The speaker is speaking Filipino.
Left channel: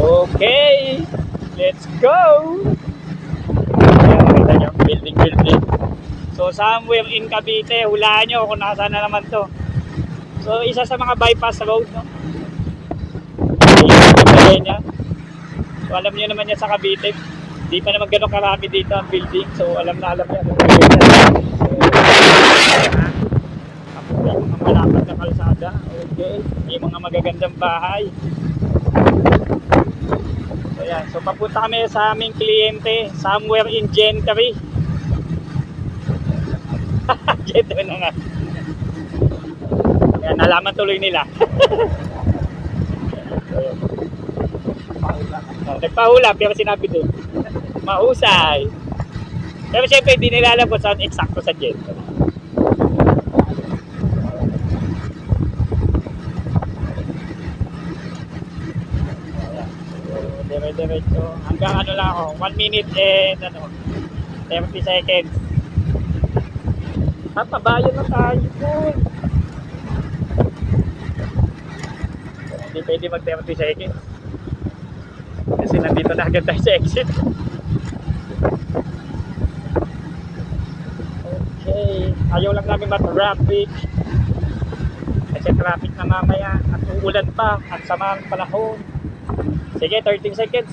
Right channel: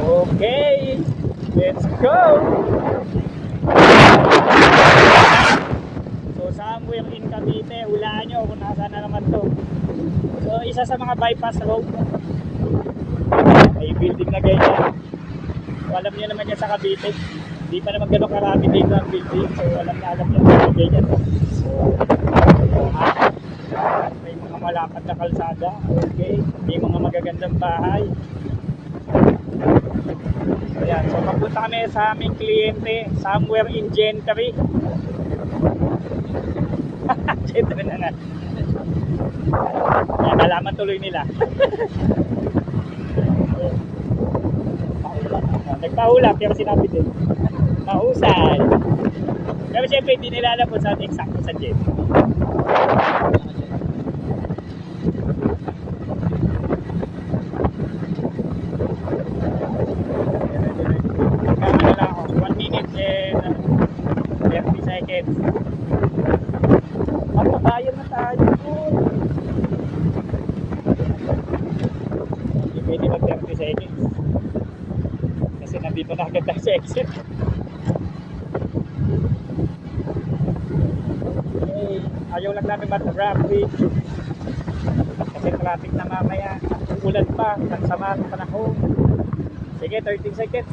Okay, let's go! So somewhere in Cavite, hulaan nyo kung nasaan na naman to. So isa sa mga bypass road, no? So alam nyo naman yan sa Cavite. Di pa naman ganun karami dito ang building. So alam na yan. So may mga malapad na kalsada. Okay, may mga magagandang bahay. So yan, so papunta kami sa aming kliyente somewhere in Gentry. Gentry na nga. Yan, nalaman tuloy nila. Nagpahula pero sinabi din mahusay. Pero syempre hindi nila alam kung saan eksakto sa Gentry. Diretso. Hanggang ano lang ako, 1 minute and 30 seconds. At pabayan na tayo doon. Hindi pwede mag 30 seconds. Kasi nandito na agad tayo sa exit. Okay. Ayaw lang namin ma-traffic. Kasi traffic na mamaya. At uulan pa. At sama ang panahon. Sige, 13 seconds.